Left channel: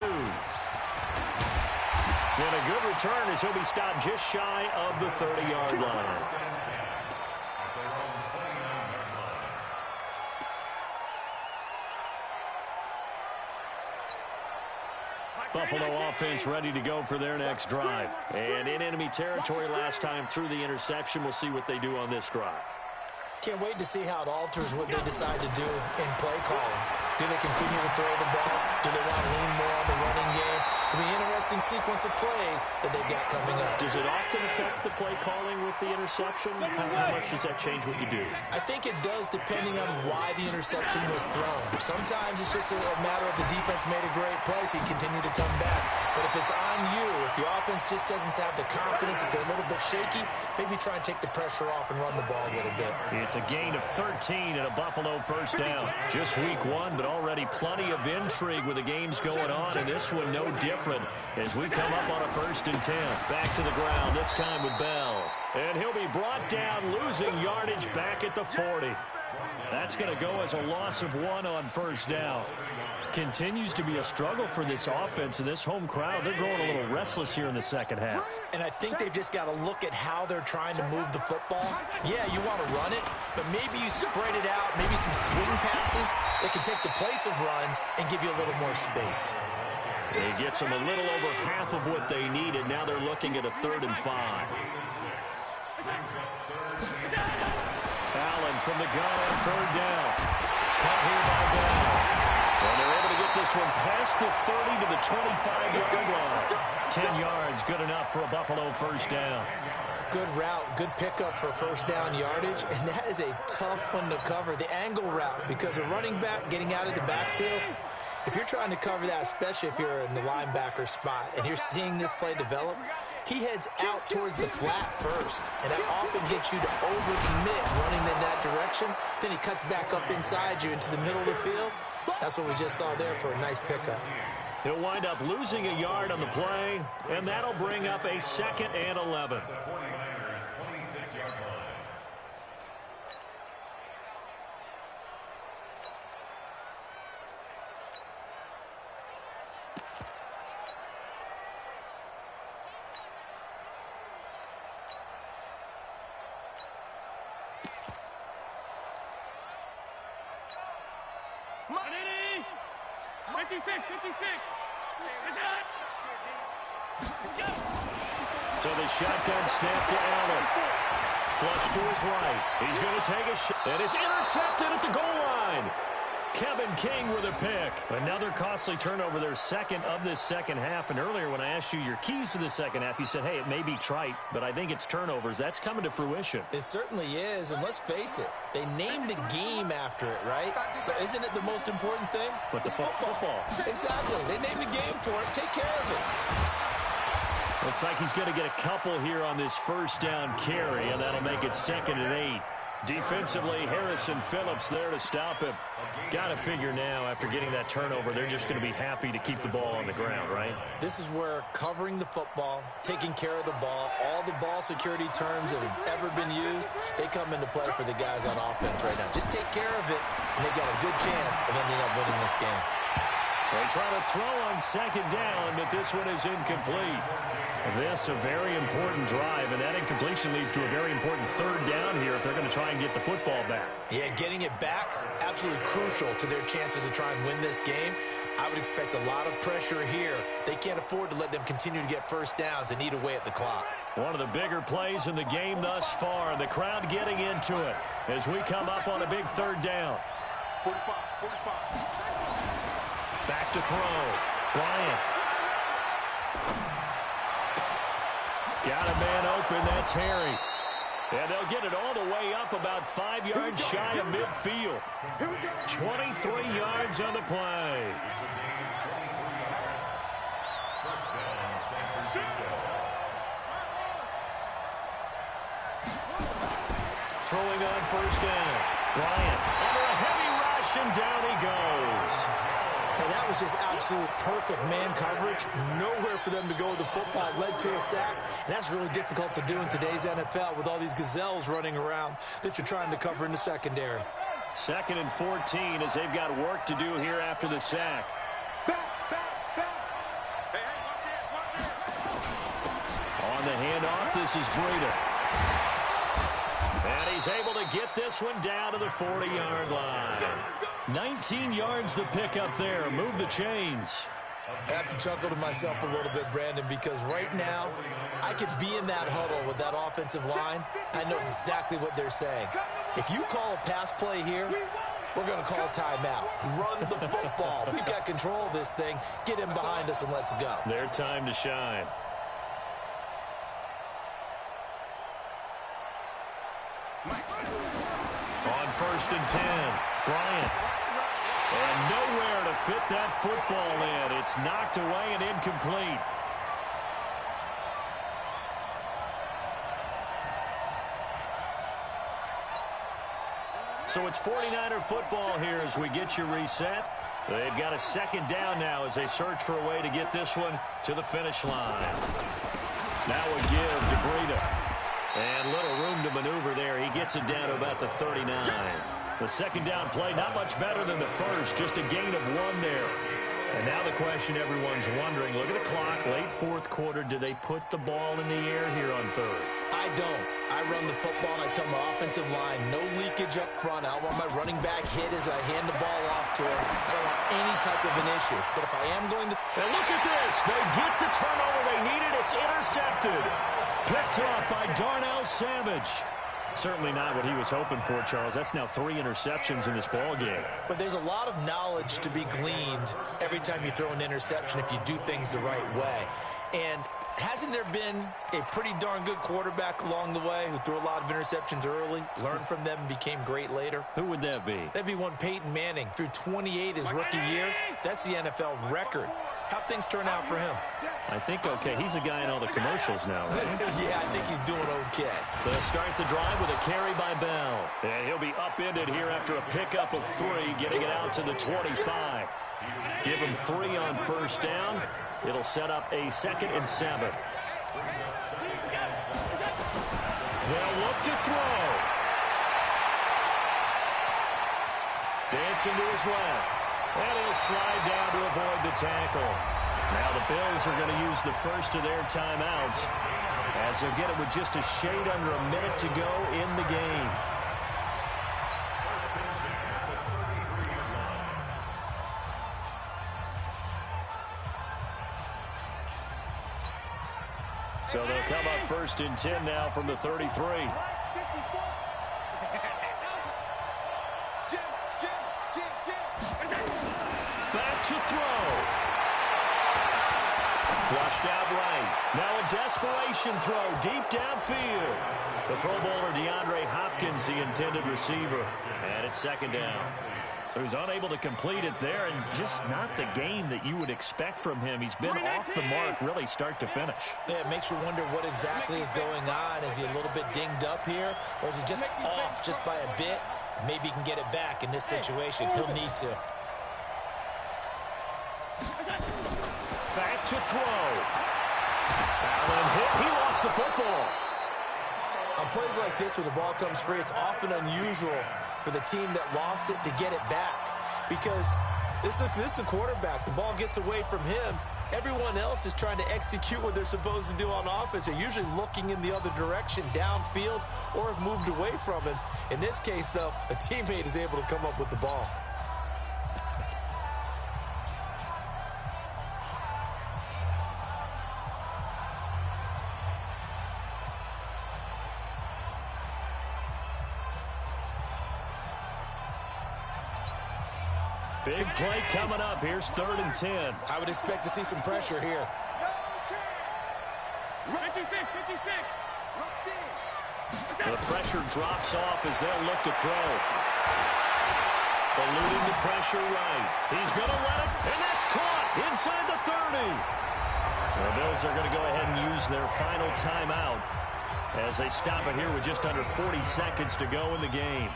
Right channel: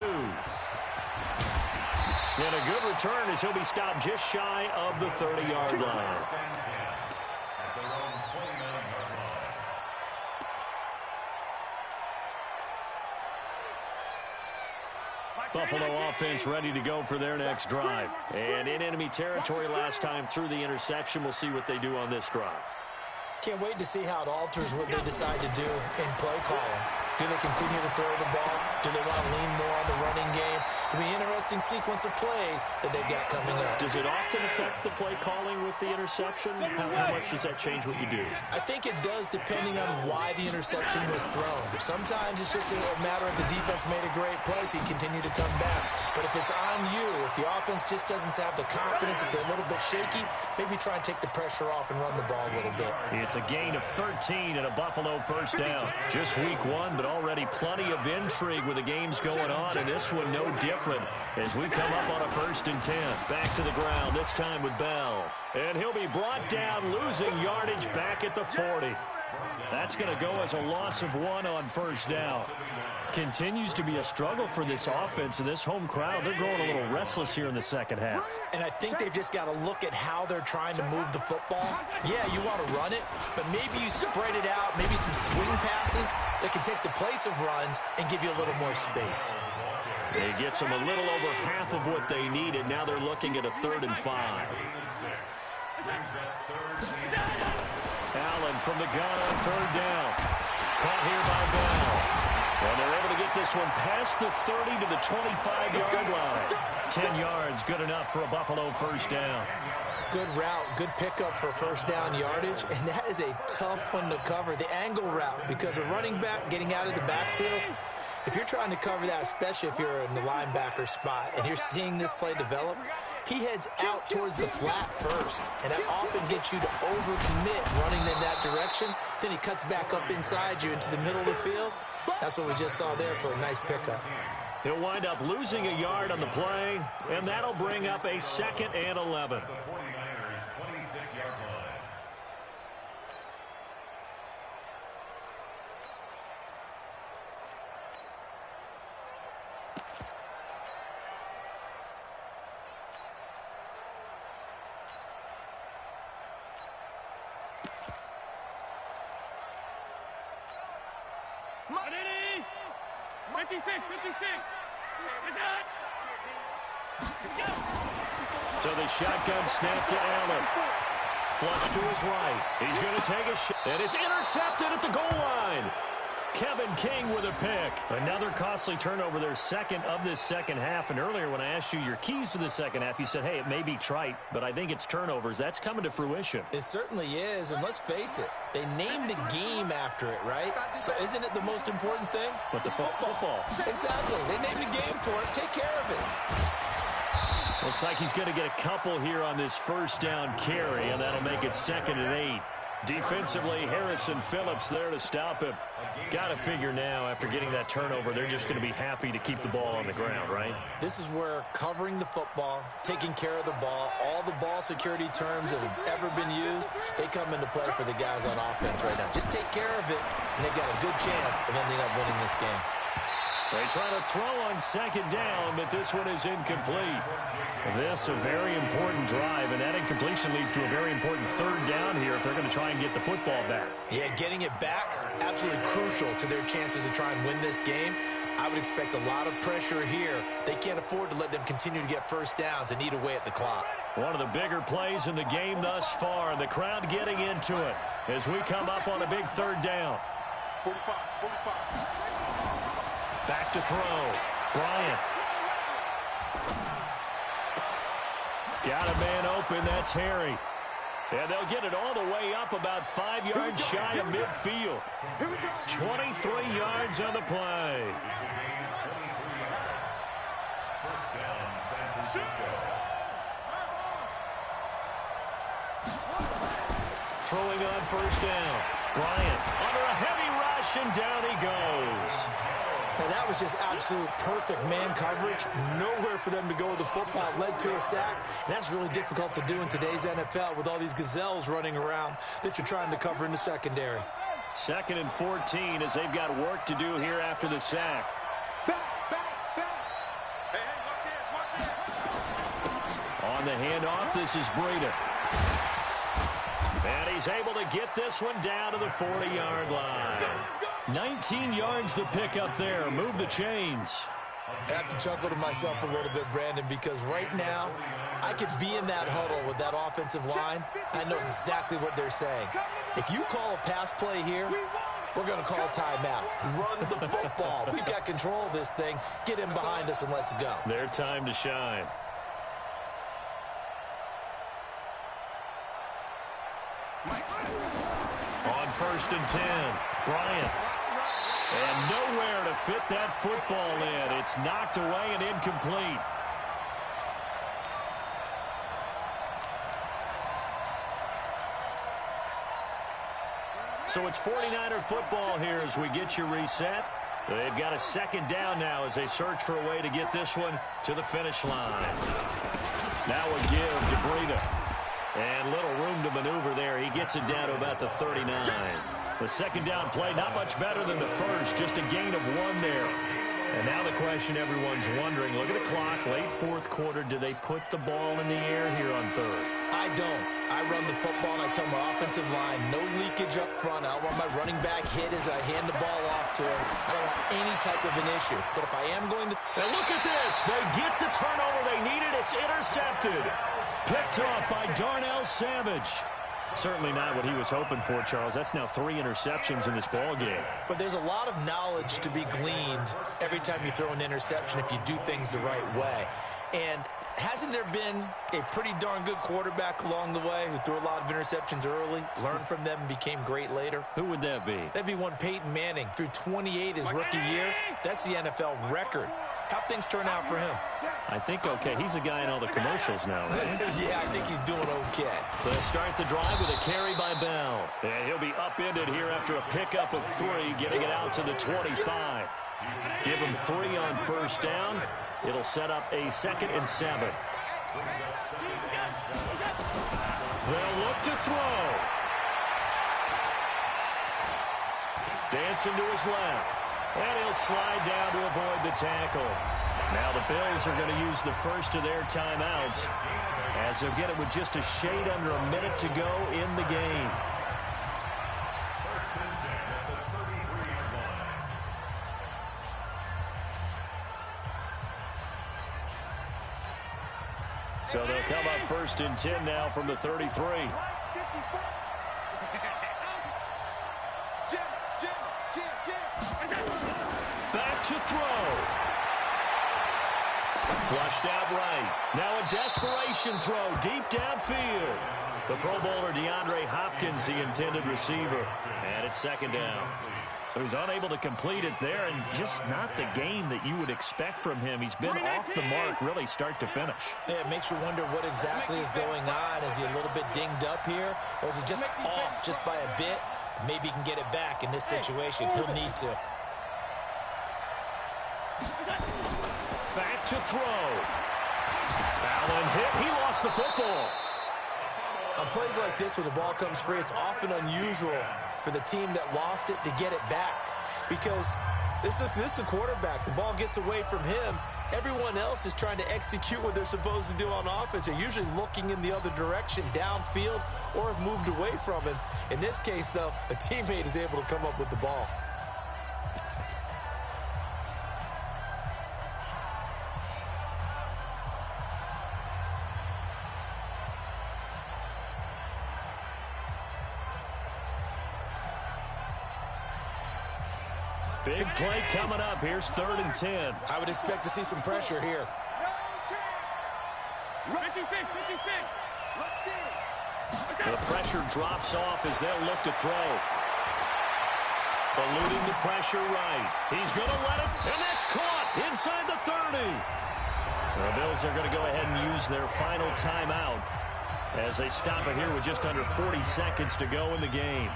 And a good return as he'll be stopped just shy of the 30-yard line. Buffalo offense ready to go for their next drive. And in enemy territory last time through the interception. We'll see what they do on this drive. Can't wait to see how it alters what they decide to do in play calling. Do they continue to throw the ball? Do they want to lean more on the running game? It'll be an interesting sequence of plays that they've got coming up. Does it often affect the play calling with the interception? How much does that change what you do? I think it does depending on why the interception was thrown. Sometimes it's just a matter of the defense made a great play, so you continue to come back. But if it's on you, if the offense just doesn't have the confidence, if they're a little bit shaky, maybe try and take the pressure off and run the ball a little bit. It's a gain of 13 and a Buffalo first down. Just week one, but already plenty of intrigue with the games going on, and this one no different as we come up on a 1st and 10. Back to the ground, this time with Bell. And he'll be brought down, losing yardage back at the 40. That's going to go as a loss of 1 on first down. Continues to be a struggle for this offense and this home crowd. They're growing a little restless here in the second half. And I think they've just got to look at how they're trying to move the football. Yeah, you want to run it, but maybe you spread it out, maybe some swing passes that can take the place of runs and give you a little more space. It gets them a little over half of what they needed. Now they're looking at a 3rd and 5. Allen from the gun on 3rd down. Caught here by Bell. And they're able to get this one past the 30 to the 25-yard line. 10 yards, good enough for a Buffalo first down. Good route, good pickup for first down yardage, and that is a tough one to cover. The angle route, because a running back getting out of the backfield, if you're trying to cover that, especially if you're in the linebacker spot and you're seeing this play develop, he heads out towards the flat first, and that often gets you to overcommit running in that direction. Then he cuts back up inside you into the middle of the field. That's what we just saw there for a nice pickup. He'll wind up losing a yard on the play, and that'll bring up a 2nd and 11. The 49ers 26-yard line. Ready? 56. So the shotgun snap to Allen. Flush to his right. He's going to take a shot. And it's intercepted at the goal line. Kevin King with a pick. Another costly turnover, their second of this second half. And earlier when I asked you your keys to the second half, you said, hey, it may be trite, but I think it's turnovers. That's coming to fruition. It certainly is, and let's face it, they named the game after it, right? So isn't it the most important thing? But it's football. Exactly. They named the game for it. Take care of it. Looks like he's going to get a couple here on this first down carry, and that'll make it 2nd and 8. Defensively, Harrison Phillips there to stop him. Got to figure now, after getting that turnover, they're just going to be happy to keep the ball on the ground, right? This is where covering the football, taking care of the ball, all the ball security terms that have ever been used, they come into play for the guys on offense right now. Just take care of it, and they've got a good chance of ending up winning this game. They try to throw on 2nd down, but this one is incomplete. This a very important drive, and that incompletion leads to a very important 3rd down here if they're going to try and get the football back. Yeah, getting it back, absolutely crucial to their chances to try and win this game. I would expect a lot of pressure here. They can't afford to let them continue to get first downs and eat away at the clock. One of the bigger plays in the game thus far, and the crowd getting into it as we come up on a big 3rd down. 45. Back to throw. Bryant. Got a man open. That's Harry. And they'll get it all the way up about 5 yards shy of midfield. 23 yards on the play. Throwing on first down. Bryant under a heavy rush, and down he goes. And that was just absolute perfect man coverage. Nowhere for them to go with the football. Led to a sack. And that's really difficult to do in today's NFL with all these gazelles running around that you're trying to cover in the secondary. 2nd and 14 as they've got work to do here after the sack. On the handoff, this is Breida. And he's able to get this one down to the 40-yard line. 19 yards the pickup there. Move the chains. I have to chuckle to myself a little bit, Brandon, because right now I could be in that huddle with that offensive line. I know exactly what they're saying. If you call a pass play here, we're going to call a timeout. Run the football. We've got control of this thing. Get him behind us and let's go. Their time to shine. On 1st and 10, Bryant. And nowhere to fit that football in. It's knocked away and incomplete. So it's 49er football here as we get you reset. They've got a second down now as they search for a way to get this one to the finish line. Now a give to Breida. And little room to maneuver there. He gets it down to about the 39. The second down play, not much better than the first. Just a gain of 1 there. And now the question everyone's wondering, look at the clock, late 4th quarter. Do they put the ball in the air here on 3rd? I don't. I run the football, and I tell my offensive line, no leakage up front. I don't want my running back hit as I hand the ball off to him. I don't want any type of an issue. But if I am going to... And look at this. They get the turnover they needed. It's intercepted. Picked off by Darnell Savage. Certainly not what he was hoping for, Charles. That's now 3 interceptions in this ball game. But there's a lot of knowledge to be gleaned every time you throw an interception if you do things the right way. And hasn't there been a pretty darn good quarterback along the way who threw a lot of interceptions early, learned from them, and became great later? Who would that be? That'd be one Peyton Manning. Threw 28 his rookie year. That's the NFL record. How'd things turn out for him? I think okay. He's a guy in all the commercials now, right? Yeah, I think he's doing okay. They'll start the drive with a carry by Bell. And he'll be upended here after a pickup of 3, getting it out to the 25. Give him 3 on 1st down. It'll set up a 2nd and 7. They'll look to throw. Dancing to his left. And he'll slide down to avoid the tackle. Now the Bills are going to use the first of their timeouts as they'll get it with just a shade under a minute to go in the game. So they'll come up 1st and 10 now from the 33. Back to throw. Flushed out right. Now a desperation throw deep downfield. The Pro Bowler DeAndre Hopkins, the intended receiver. And it's 2nd down. So he's unable to complete it there, and just not the game that you would expect from him. He's been off the mark really start to finish. Yeah, it makes you wonder what exactly is going on. Is he a little bit dinged up here, or is he just off just by a bit? Maybe he can get it back in this situation. He'll need to. Back to throw. Allen hit. He lost the football. On plays like this, when the ball comes free, it's often unusual for the team that lost it to get it back. Because this is a quarterback. The ball gets away from him. Everyone else is trying to execute what they're supposed to do on offense. They're usually looking in the other direction, downfield, or have moved away from him. In this case, though, a teammate is able to come up with the ball. Big play coming up. Here's 3rd and 10. I would expect to see some pressure here. 56. The pressure drops off as they'll look to throw. Eluding the pressure right. He's going to let it, and that's caught inside the 30. The Bills are going to go ahead and use their final timeout as they stop it here with just under 40 seconds to go in the game.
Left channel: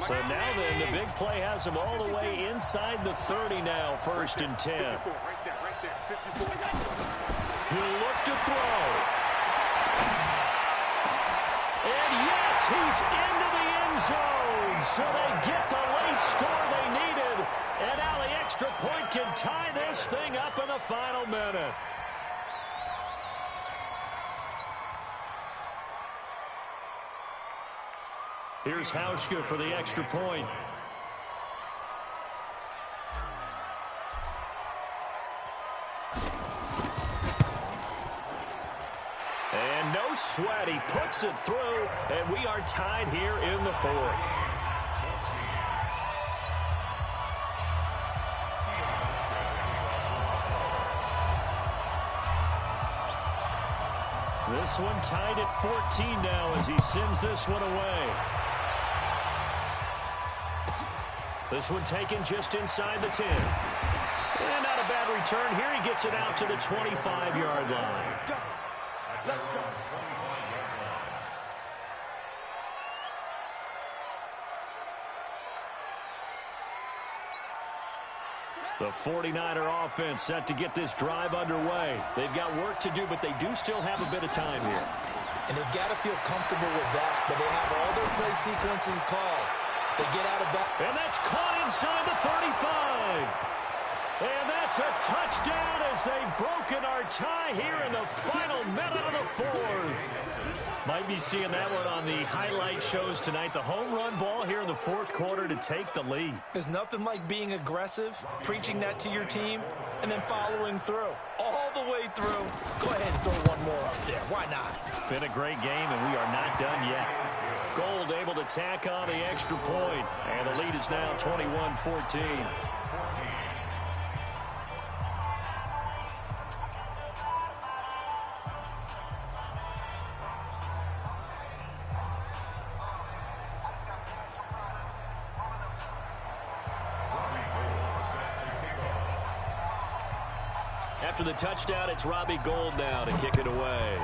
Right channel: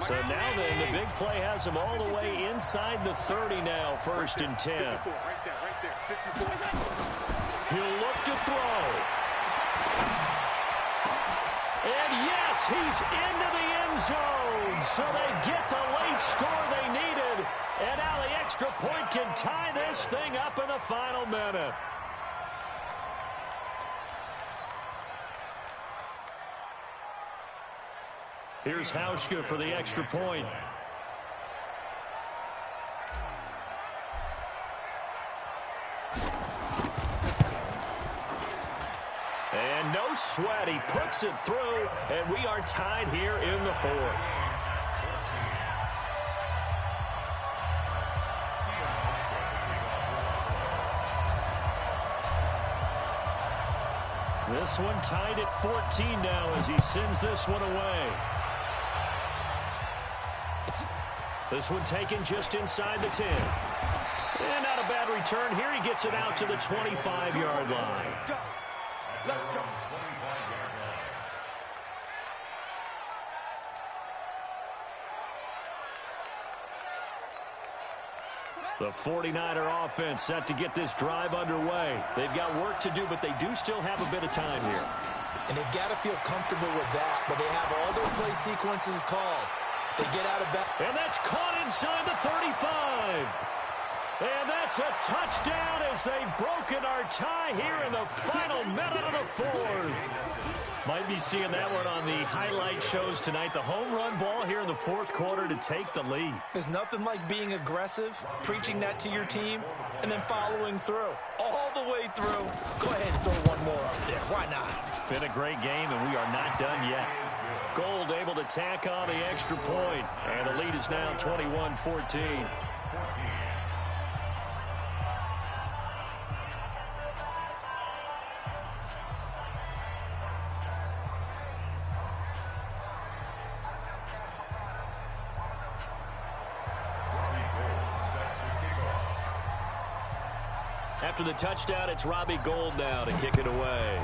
So now then, the big play has him all the way inside the 30 now, 1st and 10. 54, right there, 54. He'll look to throw. And yes, he's into the end zone. So they get the late score they needed. And now the extra point can tie this thing up in the final minute. Here's Hauschka for the extra point. And no sweat. He puts it through, and we are tied here in the 4th. This one tied at 14 now as he sends this one away. This one taken just inside the 10. And not a bad return here. He gets it out to the 25-yard line. Let's go. Let's go. 25-yard line. The 49er offense set to get this drive underway. They've got work to do, but they do still have a bit of time here. And they've got to feel comfortable with that, but they have all their play sequences called. They get out of bounds. And that's caught inside the 35. And that's a touchdown as they've broken our tie here in the final minute of the 4th. Might be seeing that one on the highlight shows tonight. The home run ball here in the 4th quarter to take the lead. There's nothing like being aggressive, preaching that to your team, and then following through. All the way through. Go ahead and throw one more up there. Why not? Been a great game, and we are not done yet. Gold able to tack on the extra point, and the lead is now 21-14. After the touchdown, it's Robbie Gould now to kick it away.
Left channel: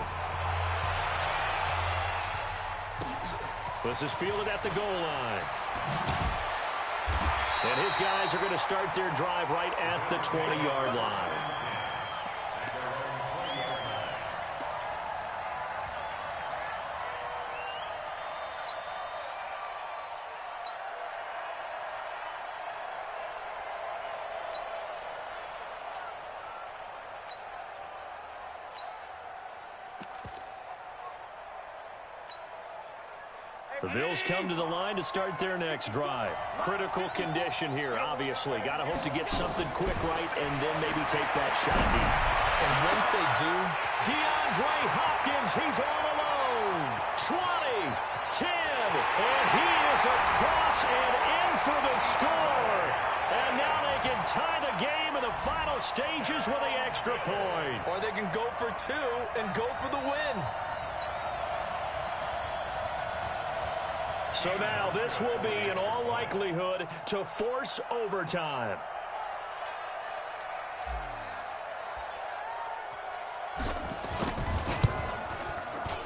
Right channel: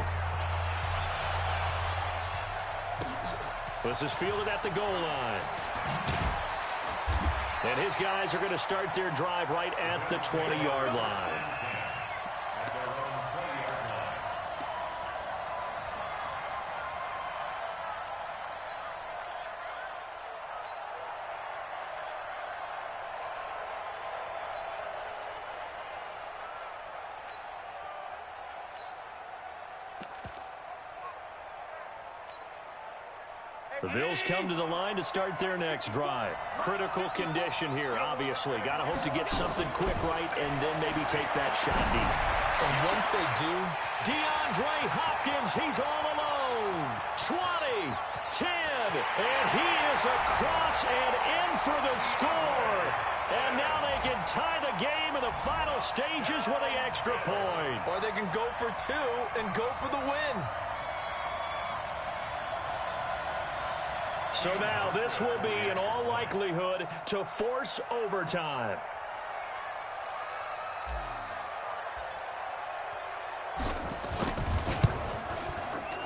This is fielded at the goal line. And his guys are going to start their drive right at the 20-yard line. The Bills come to the line to start their next drive. Critical condition here, obviously. Got to hope to get something quick right and then maybe take that shot deep. And once they do, DeAndre Hopkins, he's all alone. 20, 10, and he is across and in for the score. And now they can tie the game in the final stages with the extra point. or they can go for 2 and go for the win. So now this will be, in all likelihood, to force overtime.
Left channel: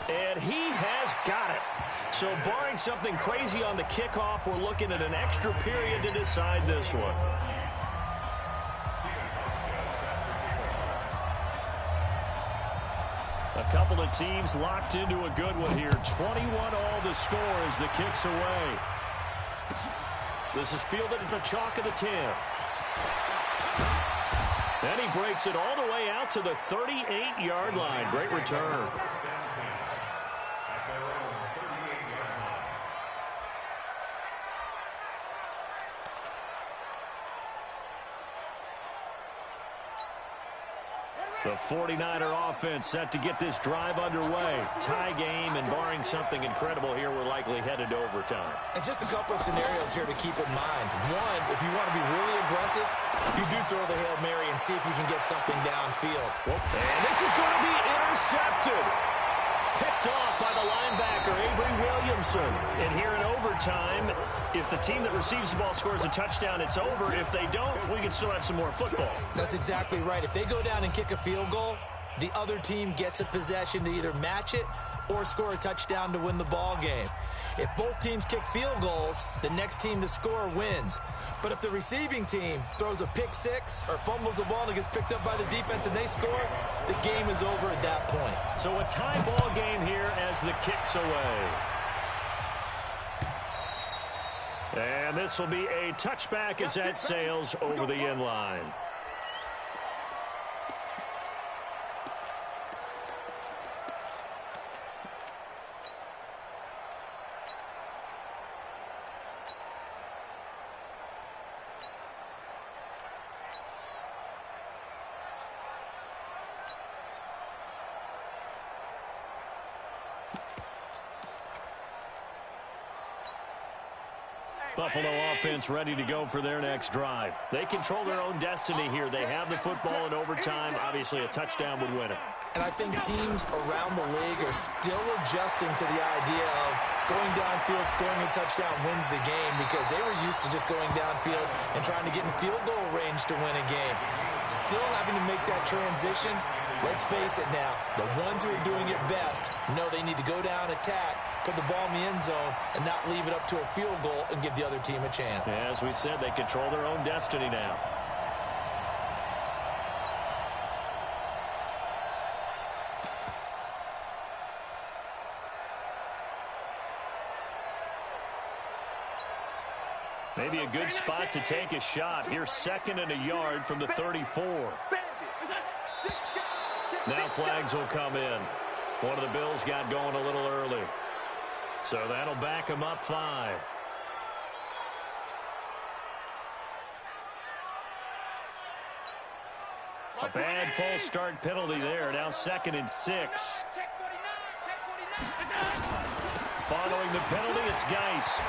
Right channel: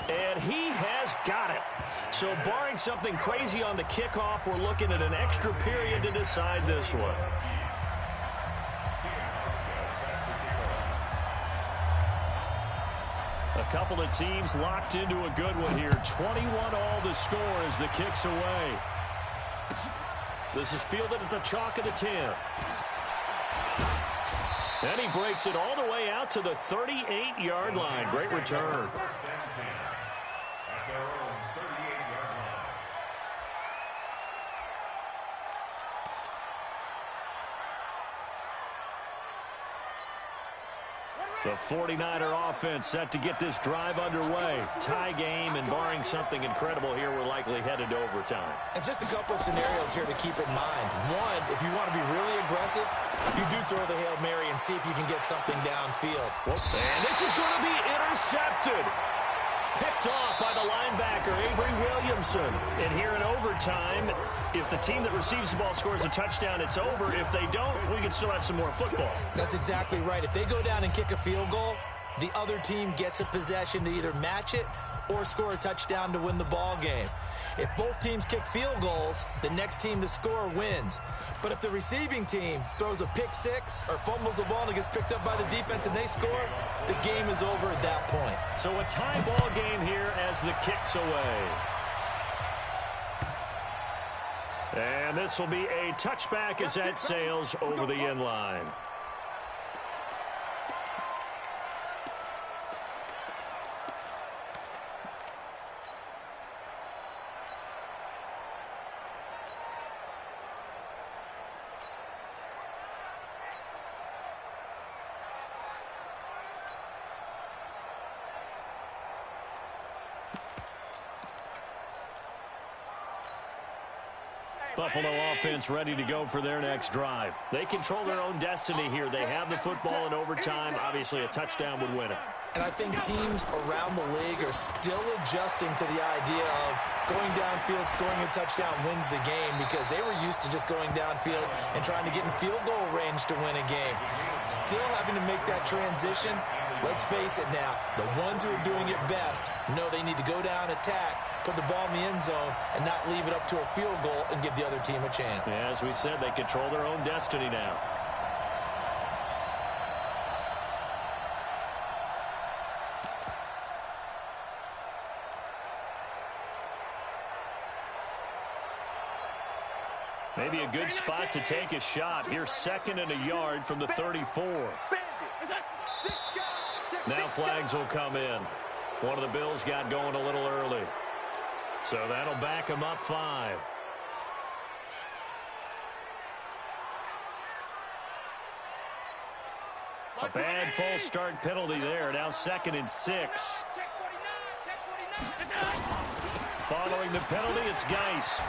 And he has got it. So barring something crazy on the kickoff, we're looking at an extra period to decide this one. A couple of teams locked into a good one here. 21 all the score as the kick's away. This is fielded at the chalk of the 10. And he breaks it all the way out to the 38-yard line. Great return. The 49er offense set to get this drive underway. Tie game, and barring something incredible here, we're likely headed to overtime. And just a couple of scenarios here to keep in mind. One, if you want to be really aggressive, you do throw the Hail Mary and see if you can get something downfield. And this is going to be intercepted. Picked off by the linebacker, Avery Williamson. And here in overtime, if the team that receives the ball scores a touchdown, it's over. If they don't, we can still have some more football. That's exactly right. If they go down and kick a field goal, the other team gets a possession to either match it or score a touchdown to win the ball game. If both teams kick field goals, the next team to score wins. But if the receiving team throws a pick six or fumbles the ball and it gets picked up by the defense and they score, the game is over at that point. So a tie ball game here as the kick's away. And this will be a touchback as that sails over the end line. Buffalo offense ready to go for their next drive. They control their own destiny here. They have the football in overtime. Obviously, a touchdown would win it. And I think teams around the league are still adjusting to the idea of going downfield, scoring a touchdown wins the game, because they were used to just going downfield and trying to get in field goal range to win a game. Still having to make that transition. Let's face it now, the ones who are doing it best know they need to go down, attack, put the ball in the end zone, and not leave it up to a field goal and give the other team a chance. As we said, they control their own destiny now. Maybe a good spot to take a shot. Here, 2nd and a yard from the 34. Now flags will come in. One of the Bills got going a little early. So that'll back them up 5. A bad false start penalty there. Now 2nd and 6. Following the penalty, it's Geis.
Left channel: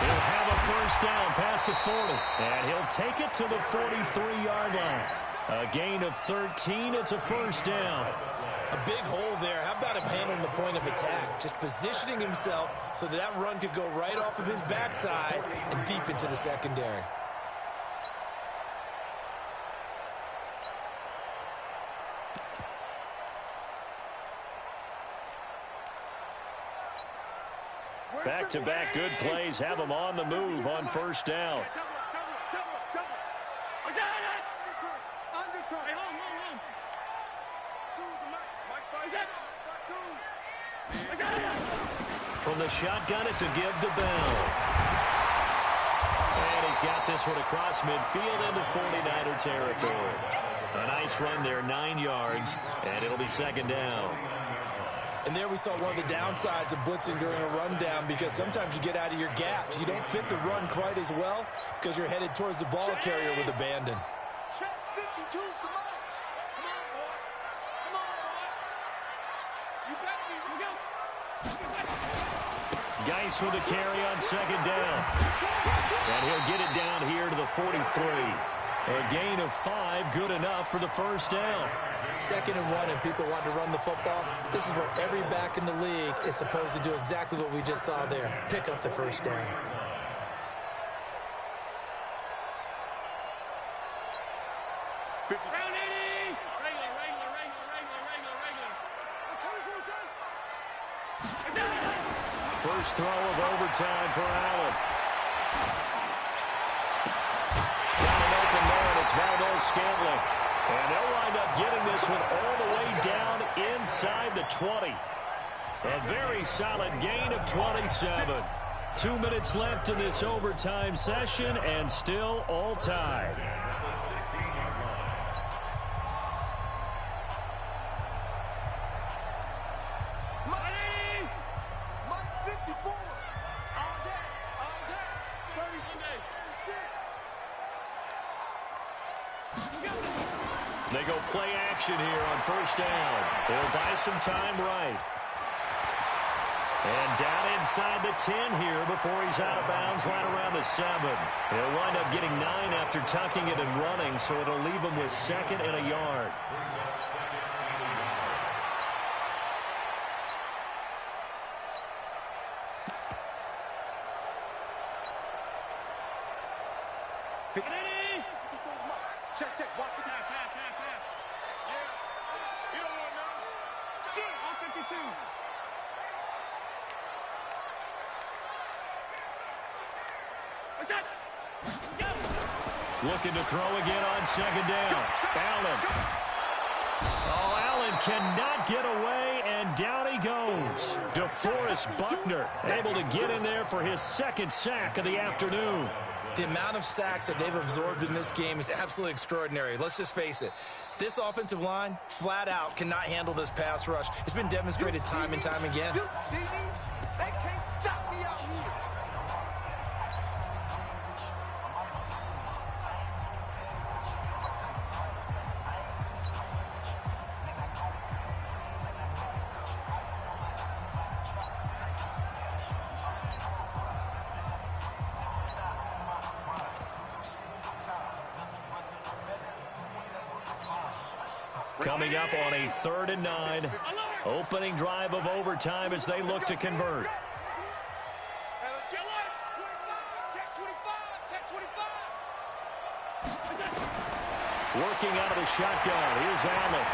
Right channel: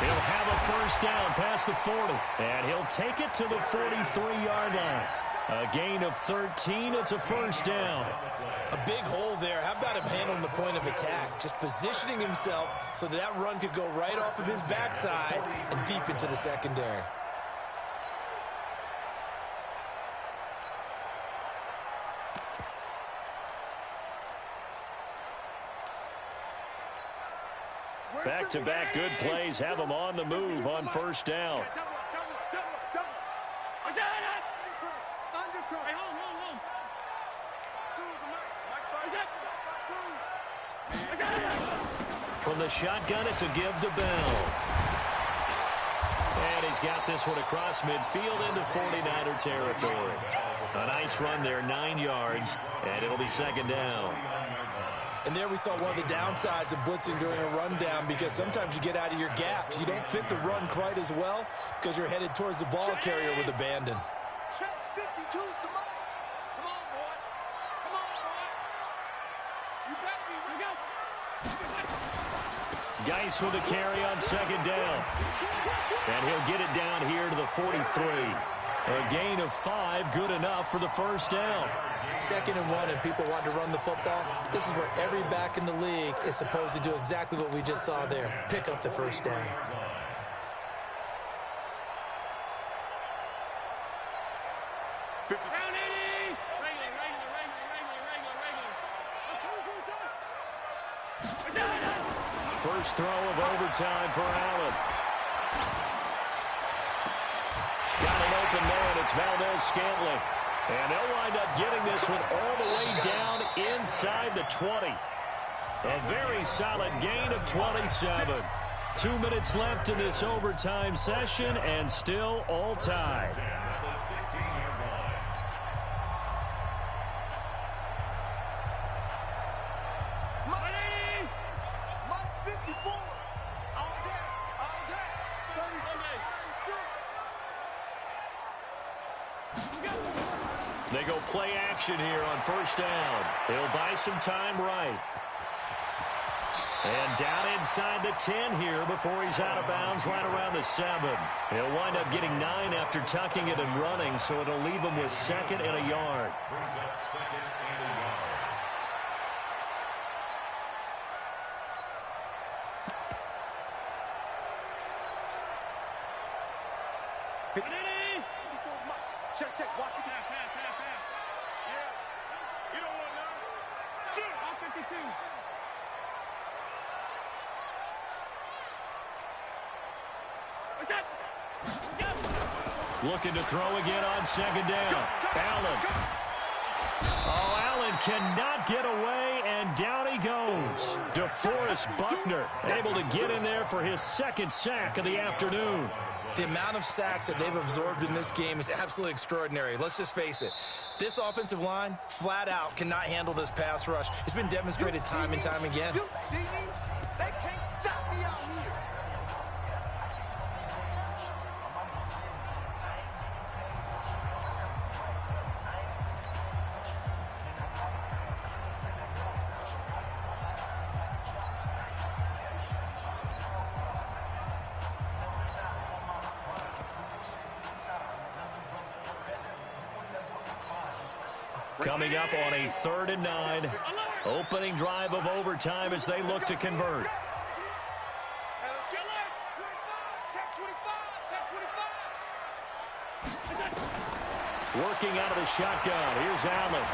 He'll have a first down past the 40. And he'll take it to the 43-yard line. A gain of 13. It's a first down. A big hole there. How about him handling the point of attack? Just positioning himself so that run could go right off of his backside and deep into the secondary. Back-to-back good plays have them on the move on first down. From the shotgun, it's a give to Bell. And he's got this one across midfield into 49er territory. A nice run there, 9 yards, and it'll be 2nd down. And there we saw one of the downsides of blitzing during a rundown, because sometimes you get out of your gaps. You don't fit the run quite as well because you're headed towards the ball carrier with abandon. Check 52's the mic. Come on, boy. Come on, boy. You better be. Go. Geis with a carry on 2nd down. And he'll get it down here to the 43. A gain of 5, good enough for the first down. 2nd and 1, and people want to run the football. This is where every back in the league is supposed to do exactly what we just saw there. Pick up the first down. Round 80. Regular. First throw of overtime for Allen. Got it open there, and it's Valdez-Scantling. And they'll wind up getting this one all the way down inside the 20. A very solid gain of 27. 2 minutes left in this overtime session, and still all tied. Mike 54. All day. 36. They go play action here on first down. They'll buy some time right. And down inside the 10 here before he's out of bounds right around the 7. He'll wind up getting 9 after tucking it and running, so it'll leave him with 2nd and a yard. Brings up 2nd and a yard. Check. Watch the pass. Yeah. 52. What's that? Looking to throw again on second down. Allen. Oh, Allen cannot get away, and down he goes. DeForest Buckner able to get in there for his second sack of the afternoon. The amount of sacks that they've absorbed in this game is absolutely extraordinary. Let's just face it. This offensive line, flat out, cannot handle this pass rush. It's been demonstrated time and time again. You see me? They can't stop me out here. Coming up on a 3rd and 9. Opening drive of overtime as they look to convert. Hey, let's get light. 25. Check 25. Check 25. Working out of the shotgun. Here's Allen.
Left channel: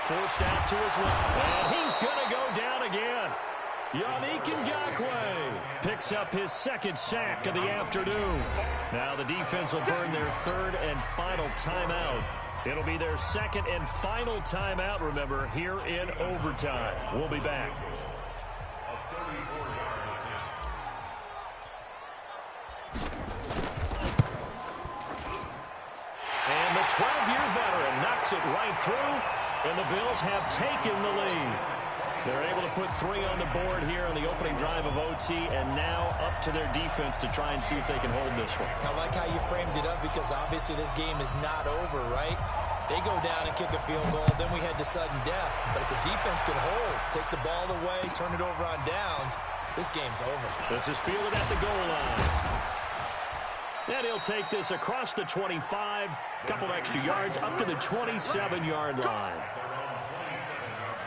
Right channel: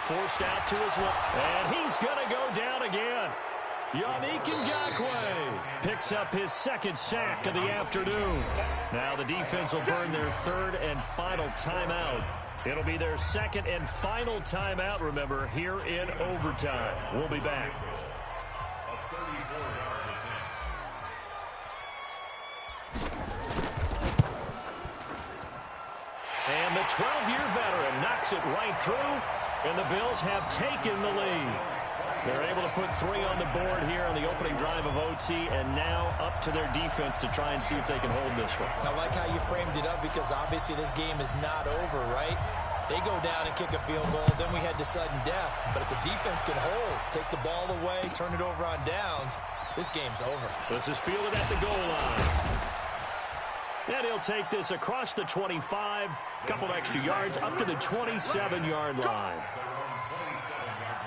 Forced out to his left. And he's going to go down again. Yannick Ngakoue picks up his second sack of the afternoon. Now the defense will burn their 3rd and final timeout. It'll be their 2nd and final timeout, remember, here in overtime. We'll be back. A 34-yard attempt. And the 12-year veteran knocks it right through, and the Bills have taken the lead. They're able to put 3 on the board here on the opening drive of OT, and now up to their defense to try and see if they can hold this one. I like how you framed it up because obviously this game is not over, right? They go down and kick a field goal, then we head to sudden death. But if the defense can hold, take the ball away, turn it over on downs, this game's over. This is fielded at the goal line. And he'll take this across the 25, couple extra yards, up to the 27-yard line. Their own 27-yard line.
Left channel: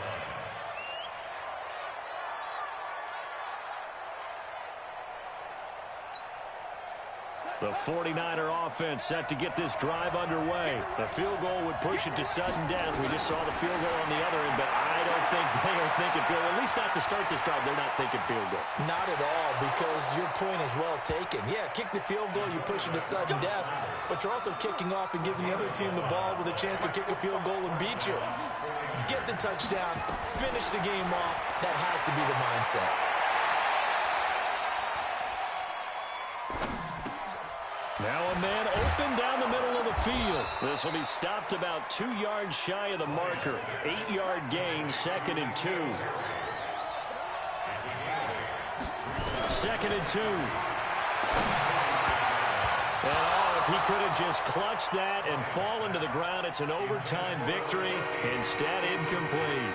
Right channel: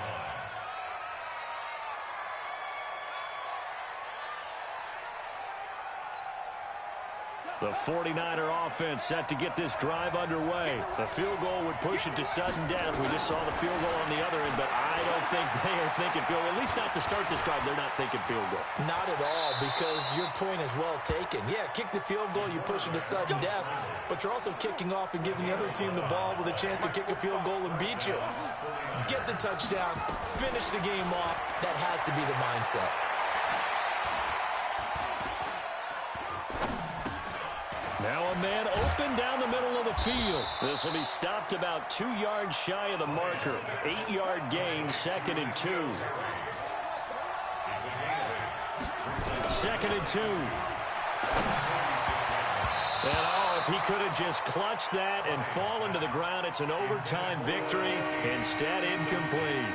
The 49er offense set to get this drive underway. The field goal would push it to sudden death. We just saw the field goal on the other end, but I don't think they are thinking field goal. At least not to start this drive. They're not thinking field goal. Not at all, because your point is well taken. Yeah, kick the field goal, you push it to sudden death, but you're also kicking off and giving the other team the ball with a chance to kick a field goal and beat you. Get the touchdown, finish the game off. That has to be the mindset. Now a man open down the middle of the field. This will be stopped about 2 yards shy of the marker. 8-yard gain, 2nd and 2. 2nd and 2. And if he could have just clutched that and fallen to the ground, it's an overtime victory. Instead, incomplete.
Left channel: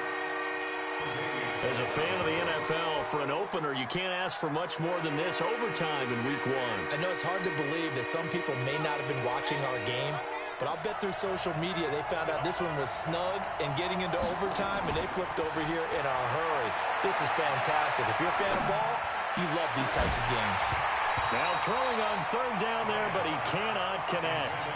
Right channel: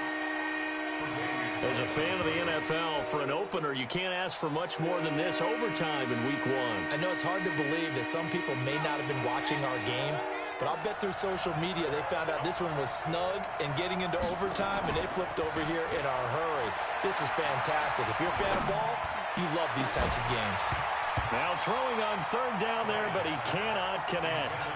As a fan of the NFL, for an opener, you can't ask for much more than this overtime in Week 1. I know it's hard to believe that some people may not have been watching our game, but I'll bet through social media they found out this one was snug and getting into overtime, and they flipped over here in a hurry. This is fantastic. If you're a fan of ball, you love these types of games. Now throwing on 3rd down there, but he cannot connect.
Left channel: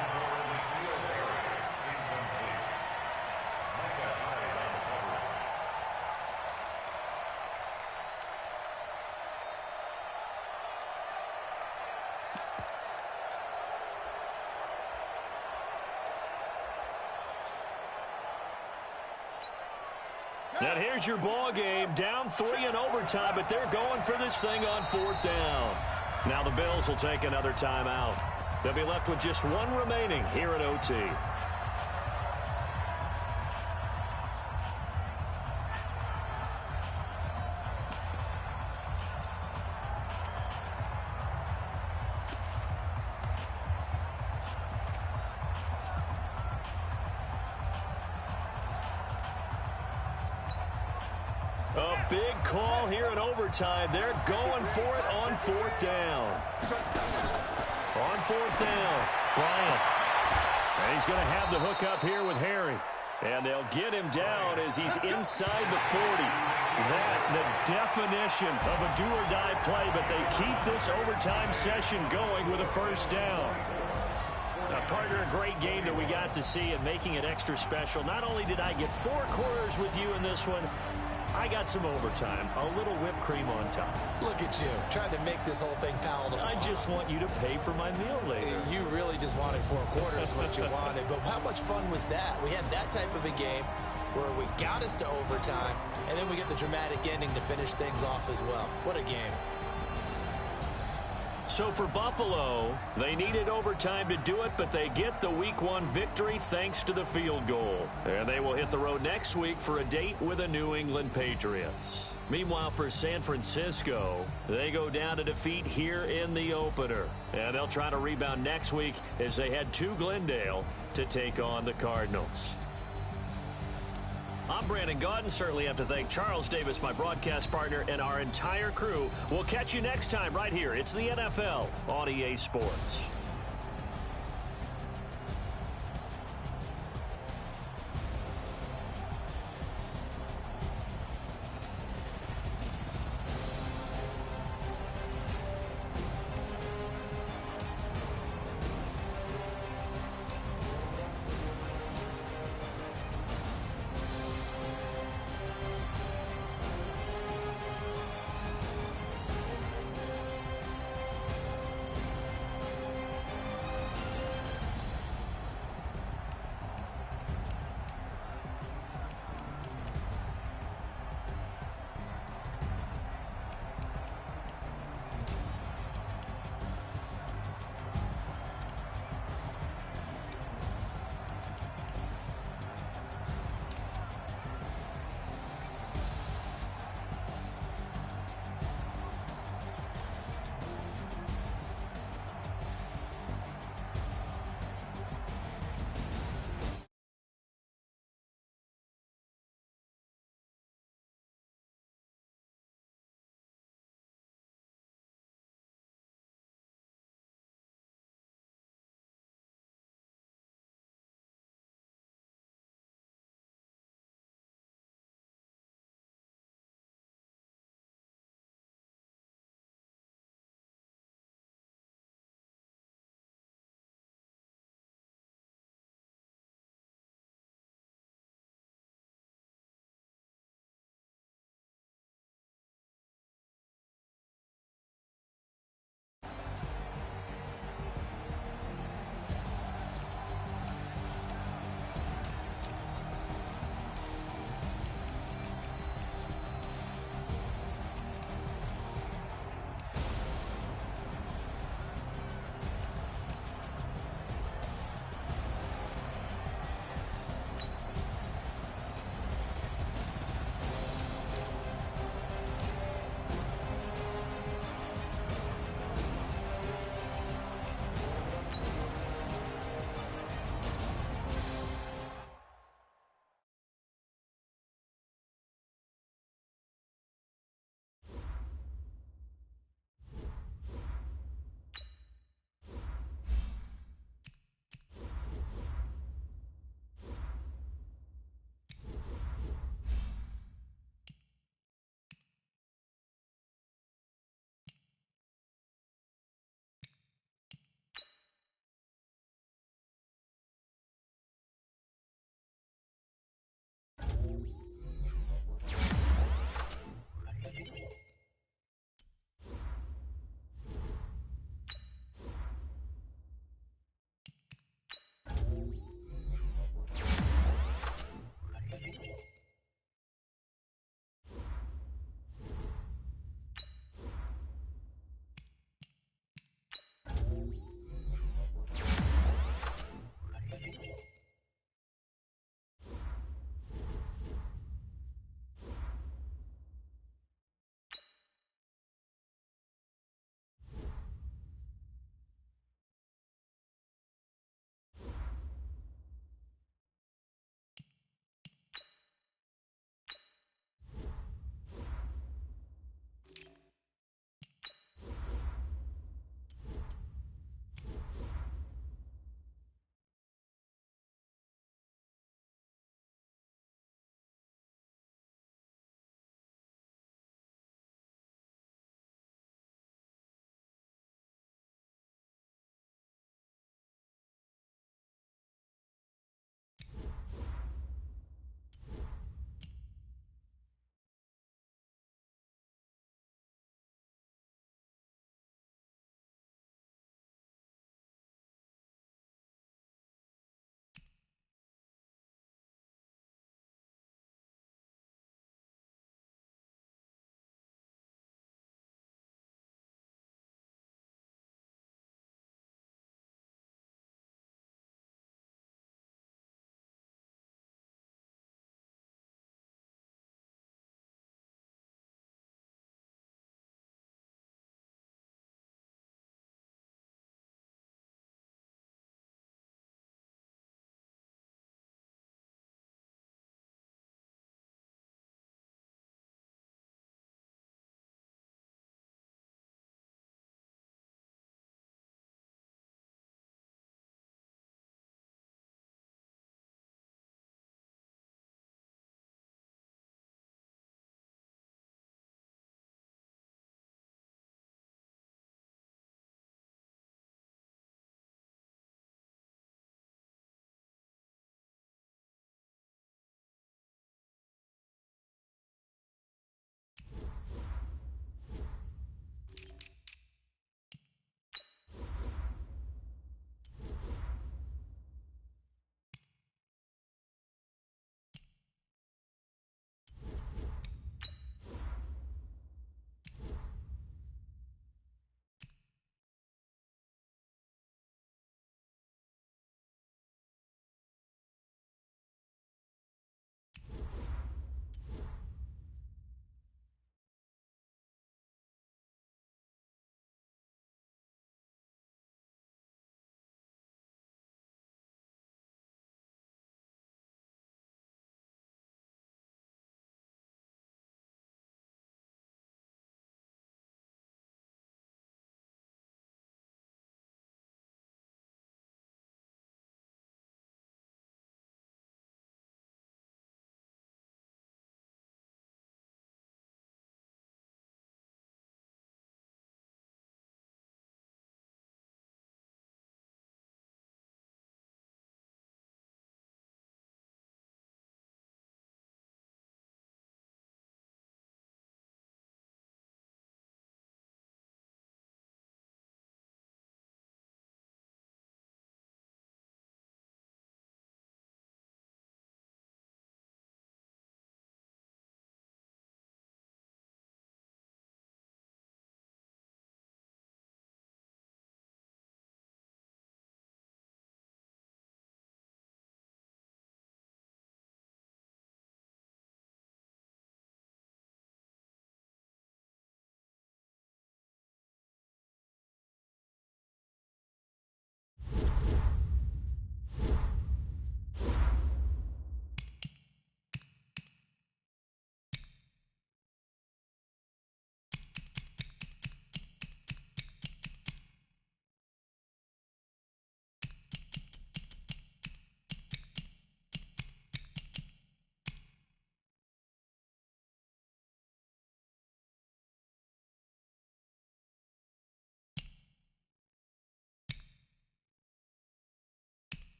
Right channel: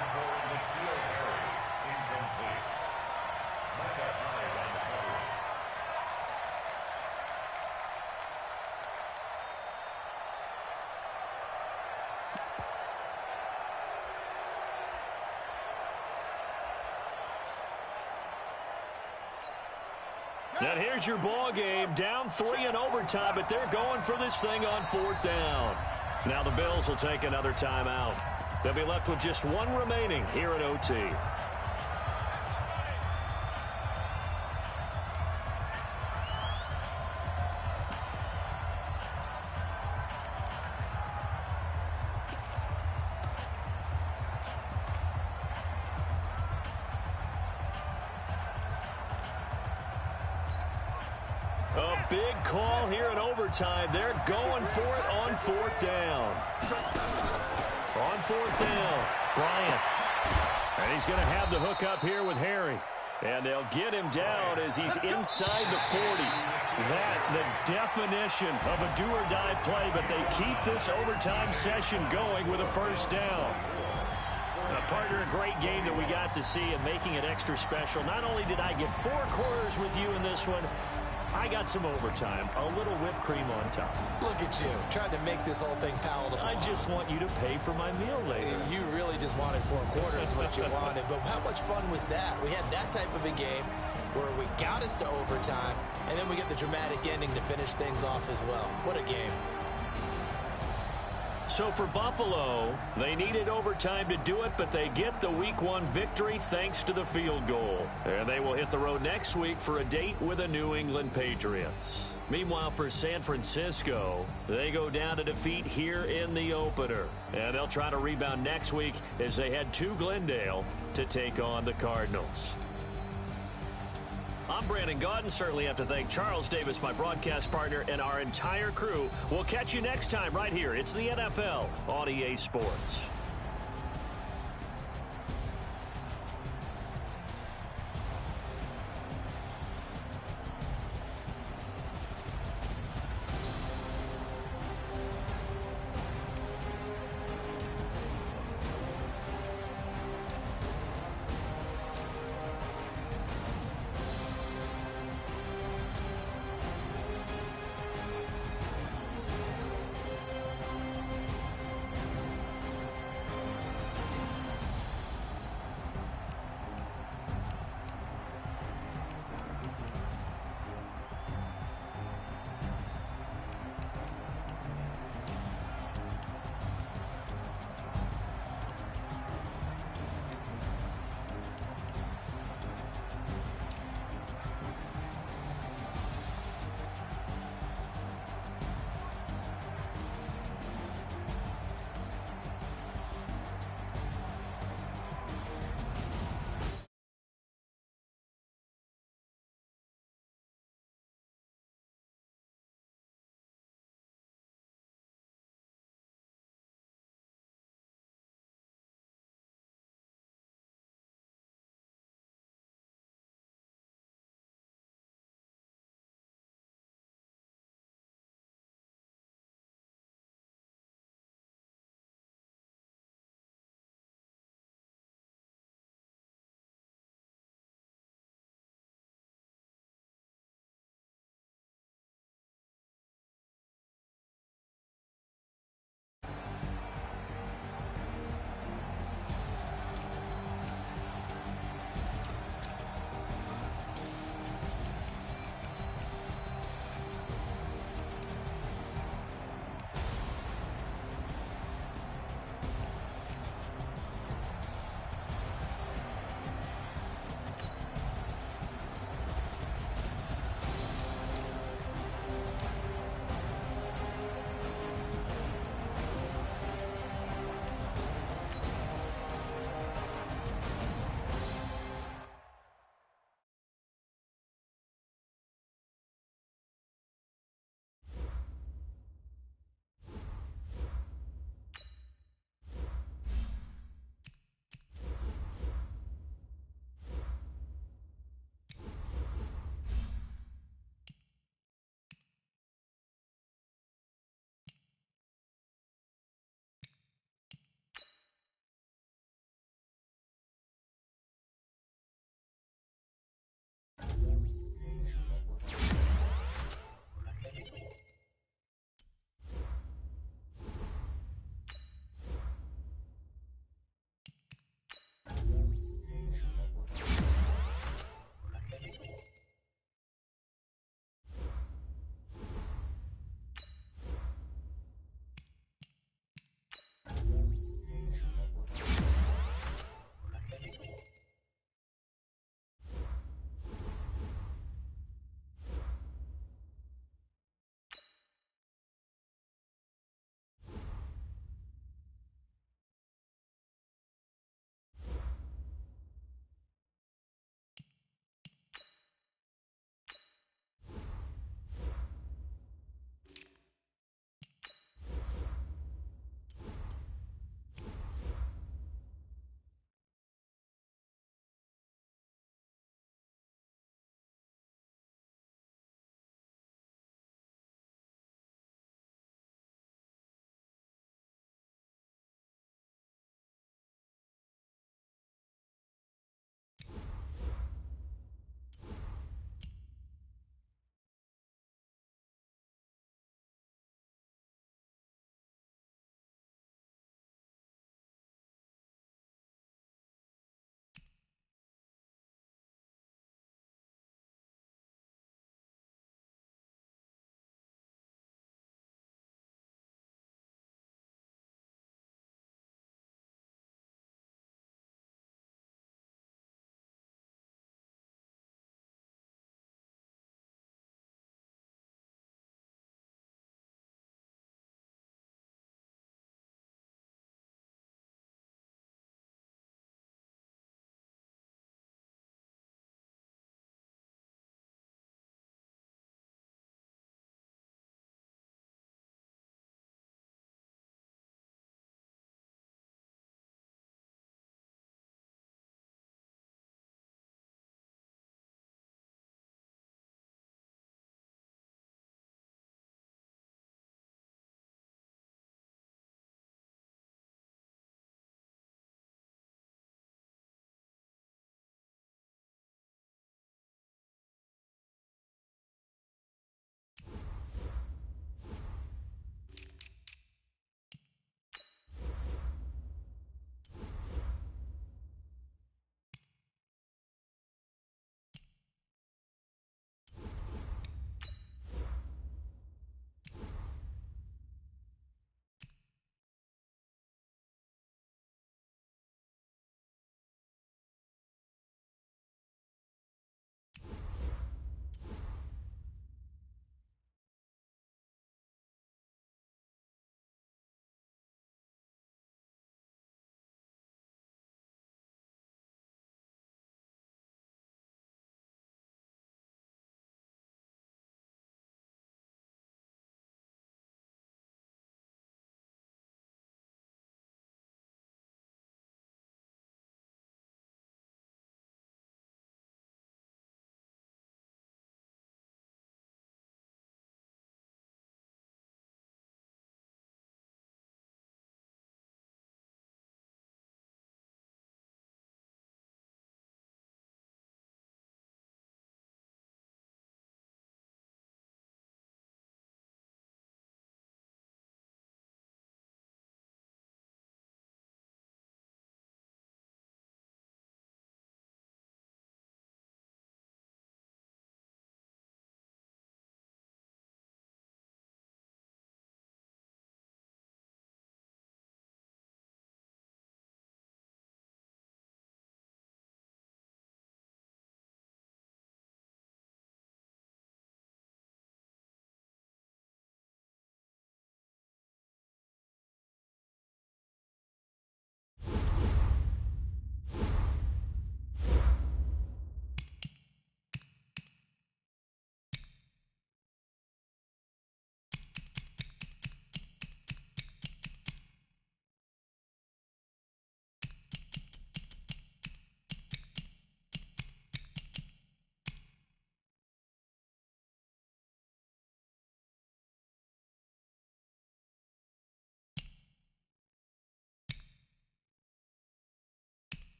And here's your ball game, down 3 in overtime, but they're going for this thing on 4th down. Now the Bills will take another timeout. They'll be left with just 1 remaining here at OT. A big call here in overtime. They're going for it on 4th down. On 4th down, Bryant. And he's going to have the hook up here with Harry. And they'll get him down as he's inside the 40. That, the definition of a do-or-die play, but they keep this overtime session going with a 1st down. Partner, a great game that we got to see and making it extra special. Not only did I get 4 quarters with you in this one, I got some overtime, a little whipped cream on top. Look at you, trying to make this whole thing palatable. I just want you to pay for my meal later. You really just wanted 4 quarters what you wanted, but how much fun was that? We had that type of a game where we got us to overtime, and then we get the dramatic ending to finish things off as well. What a game. So for Buffalo, they needed overtime to do it, but they get the Week 1 victory thanks to the field goal. And they will hit the road next week for a date with the New England Patriots. Meanwhile, for San Francisco, they go down to defeat here in the opener. And they'll try to rebound next week as they head to Glendale to take on the Cardinals. I'm Brandon Gaudin. Certainly have to thank Charles Davis, my broadcast partner, and our entire crew. We'll catch you next time right here. It's the NFL on EA Sports.